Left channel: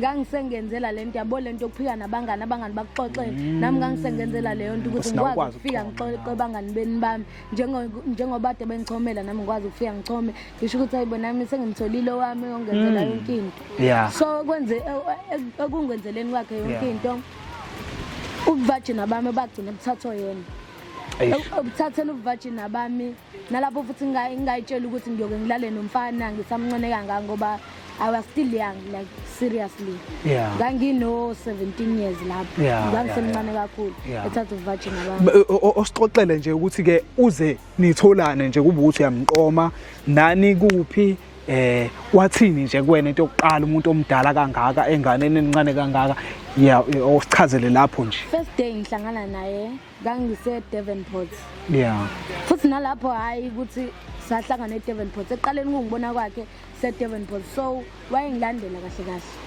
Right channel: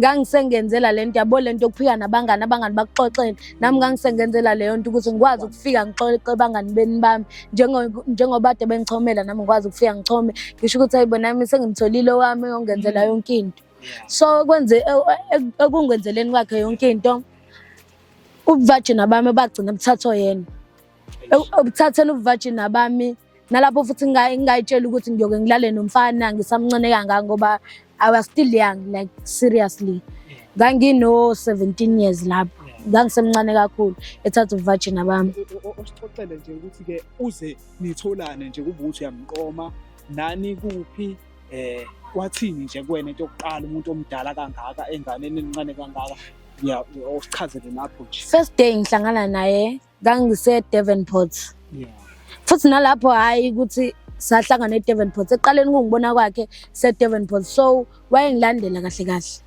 Ngangisengenzela lento yabo lento yokuphika nabangani bakuxoxele nami ngangisengenzela leyo nto ukuthi ngikwazi ukufika ngixoxe abangani bami njengoba ade bengichomela nami ngikwazi ukufika ngichome ngisho ukuthi hayibo nami sengimtholile wami ongenzela yonke into. So kwenze ekungenzeleni kwakhe yonke into ubuvagina bami bagcina buthathwa yena. Ubuthathela ubuvagina bami nalapho futhi ngingayitshela ukuthi ngiyoke ngilale nomfana ngisamncane kangaka ngoba I was still young, like seriously. Ngangino 17 years lapho. Ngangisemncane kakhulu ethatha ubuvagina bami. Osixoxele nje ukuthi ke uze nitholane nje kube ukuthi uyamqoma nani kuphi wathini nje kuwena into yokuqala umuntu omdala kangaka enganeni encane kangaka osichazele lapho nje. First day ngihlangana naye ngangise Devonport. Futhi nalapho hayi ukuthi sahlangana eDevonport eqaleni kungibona kwakhe se Devonport so wayengilandela kahle kahle.